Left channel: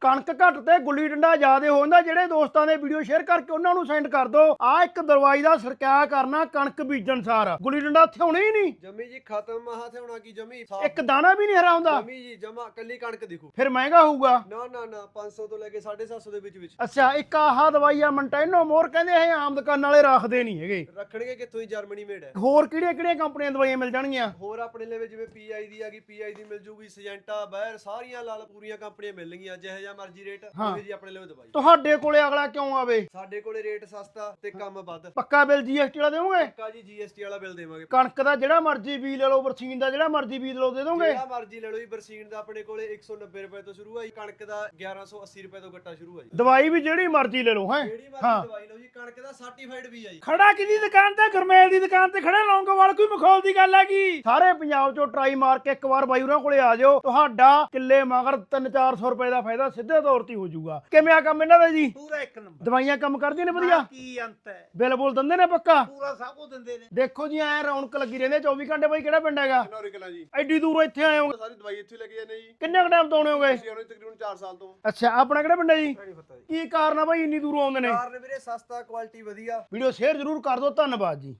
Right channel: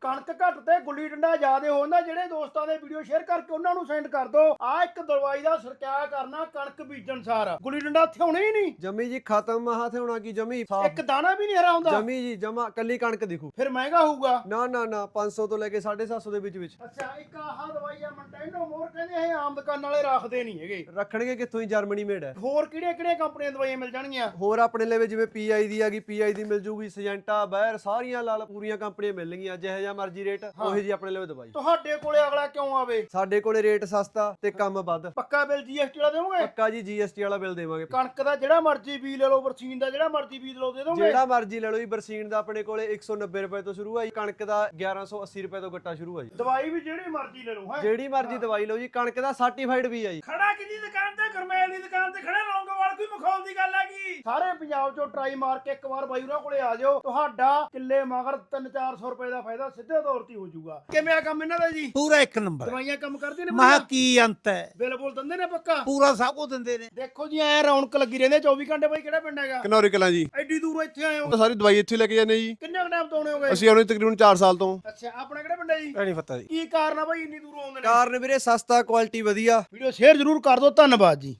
ਕਣਕ ਘੱਟ ਤੇ ਗੁੱਲੀ ਡੰਡਾ ਜ਼ਿਆਦੇ ਹੋ ਜਾਂਦਾ ਜਿਹੜੇ ਦੋਸਤਾਂ ਦੇ ਵੀਡੀਓ ਸ਼ੇਅਰ ਕਰਕੇ ਉਹਨਾਂ ਨੂੰ ਸੈਂਡ ਕਰ ਦਿਓ। ਆ ਇੱਕ ਦਵਾਈ ਦਾ ਸਰਕਿਆ ਕਰਨਾ ਕਣਕ ਬੀਜਣ ਸਾਰ। ਗੁੱਲੀ ਡੰਡਾ ਇੱਥੇ ਹੋਣਾ ਹੀ ਨਹੀਂ। ਜਮੀ ਜੀ ਖਤਮ। ਹੱਥ ਹੋਣਾ ਕੀ ਜਮੀ? ਸਾਫ਼। ਇੱਕ ਦਾਣਾ ਵੀ ਨਹੀਂ ਹਰਾ ਹੁੰਦਾ। ਜਮੀ ਜੀ ਜਮਾ ਕੱਲੀ ਕਣਕ ਦਿਖੂ। ਫਿਰ ਮਹਿੰਗਾ ਹੋਊਗਾ। ਨਾ ਨਾ ਨਾ 500 ਤੋਂ ਲੈ ਕੇ 750 ਦੇ ਵਿੱਚ ਵਿੱਚ। ਅੱਛਾ ਇੱਕ ਆਹ ਦਵਾਈ ਆ ਮੰਟੈਨੋ ਮੋਰ ਕਹਿੰਦੇ ਇਹ ਆਮ ਦੁਕਾਨ ਵਾਲੇ ਰੱਖਦੇ ਨਹੀਂ ਹੈਗੇ। ਰੱਖਣਗੇ ਕਿੱਥੋਂ ਹੀ ਜਰਮਨੀ ਮੇਡ ਹੈ। ਹੋਰ ਕਿਹੜੀਆਂ ਕਿਹੜੀਆਂ ਕੰਪਨੀਆਂ ਦਵਾਈਆਂ ਮਿਲ ਜਾਣਗੀਆਂ? ਹੋਰ ਆਪਣੇ ਲਈ ਜਿਵੇਂ ਪੀਆਈ ਦੀ ਹੈਗੀ ਪੀਆਈ ਦੀ ਮਿਲ ਜੂਗੀ ਸਜੈਂਟਾ ਬੈਰ ਸਾਰੀਆਂ ਲਾਲ ਪੂਰੀਆਂ ਕੰਪਨੀਆਂ ਮਿਲਣਗੀਆਂ ਜਿਹੇ ਜਿਹਾ ਮਰਜ਼ੀ ਰੇਟ ਉਹੇ ਜੀ ਆਪਣੇ ਲਈ ਦਵਾਈ। ਤੁਹਾਡੇ ਕੋਲੇ ਅਗਲਾ ਕਿਉਂ ਆਵੇ? ਸਾਡੇ ਕੋਲੇ ਰੇਟ ਸਸਤਾ ਤੇ ਕੰਮ ਵੱਧ। ਪੱਕਾ ਬਿੱਲ ਜੀਐਸਟੀ ਵਾਲਾ ਦੇਵੋਗੇ? ਪੱਕਾ ਜੀ ਜੀਐਸਟੀ ਵਾਲਾ ਬਿੱਲ ਦੇਵਾਂਗੇ। ਕਣਕ ਦਾ ਜਿਹੜਾ ਮਰਜ਼ੀ ਬੀਜ ਲੈ ਲਓ ਬਰਸੀਨ ਦਾ ਜਿਹੜਾ ਮਰਜ਼ੀ ਬੀਜ ਲਓ ਦੇ ਦੋਗੇ? ਜਿਹੜਾ ਮਰਜ਼ੀ ਲੈ ਲਓ ਜੀ ਬਰਸੀਨ ਦਾ ਆਪਣੇ ਕੋਲੇ 190 ਰੁਪਏ ਤੋਂ ਸ਼ੁਰੂ ਆ ਜੀ ਕਣਕ ਦਾ 1180 ਰੁਪਏ ਤੋਂ ਗੱਟਾ ਸ਼ੁਰੂ ਆ ਜੀ। ਦਵਾਈ ਵੀ ਜਿਹੜੀ ਮਰਜ਼ੀ ਲੈ ਲਓ ਹੈ? ਜਿਹੜੀ ਮਰਜ਼ੀ ਦਵਾਈ ਲਓ ਜੀ ਕਣਕ ਦਾ ਸਰਟੀਫਾਈਡ ਵੀ ਆ ਜੀ। ਖੜਾ ਕਿਹਦੀ ਦੁਕਾਨ ਤੇ? ਗੁਰਮੇਲ ਦੀ ਦੁਕਾਨ ਤੇ ਖੜੇ ਲੌਂਗੋਵਾਲ ਕੋਈ ਮਖੌਲ ਦੀ ਗੱਲ ਹੈਗੀ? ਸਾਰੇ ਪੰਜਾਬ ਚੋਂ ਟਰਾਈ ਮਾਰ ਕੇ ਇੱਕ ਵਾਰ ਬਾਈ ਉਹਨਾਂ ਕੋਲੇ ਆ ਜਾਓ। ਤੁਹਾਡਾ ਕਿੱਲੇ ਮਗਰ 3-400 ਰੁਪਏ ਦਾ ਫਾਇਦਾ ਸਿੱਧੇ ਤੌਰ ਤੇ ਹੀ ਜਾਊਗਾ। ਕਿਵੇਂ ਆ ਕੰਮ ਇਹਨਾਂ ਦਾ ਜੀ? ਪੂਰਾ ਇੱਕ ਨੰਬਰ। ਦਵਾਈਆਂ ਕੰਮ ਕਰਦੀਆਂ ਨੇ ਮਹਾ ਕੀ ਅੰਤ ਹੈ? ਬਿੱਲ ਬੁੱਲ ਦਿੰਦੇ ਨੇ ਪੱਕਾ? ਪੂਰਾ ਸਭ ਕੁਝ ਦਿੰਦੇ ਨੇ। ਦੇਖੋ ਜੀ ਐ ਰੌਣਕ ਲੱਗੀ ਰਹਿੰਦੀ ਹੈ। 24 ਘੰਟੇ ਬਾਈ ਕਿਹੜਾ ਪਿੰਡ ਹੈਗਾ? ਕਨੌਰੀ ਕਲਾਂ ਜੀ। ਐਡੀ ਦੂਰੋਂ ਇੱਥੇ ਆਏ ਹੋ? ਸਾਰੀ ਦਵਾਈ ਇੱਥੇ ਲੈ ਕੇ ਜਾਂਦੇ ਜੀ। ਕਿੰਨੇ ਕੁ ਟਾਈਮ ਤੋਂ ਆਉਣੇ ਹੋਗੇ? ਅਸੀਂ ਆਉਣੇ ਤਕਰੀਬਨ 4 ਸਾਲ ਤੋਂ। ਅੱਛਾ ਆਪਣਾ ਕਿਹੜਾ ਪਿੰਡ ਹੈ ਜੀ? ਨਹੀਂ ਪਤਾ ਜੀ। ਕੀ ਕਾਰਨ ਆ ਬਾਈ? ਇੰਨੀ ਦੂਰੋਂ ਆਉਂਦੇ ਨੇ। ਕਾਰਨ ਵੀਰੇ ਸਸਤਾ ਕੁਆਲਿਟੀ ਵਧੀਆ। ਵੀਡੀਓ ਸ਼ੇਅਰ ਜ਼ਰੂਰ ਕਰ ਦਿਓ। ਧੰਨਵਾਦ ਜੀ।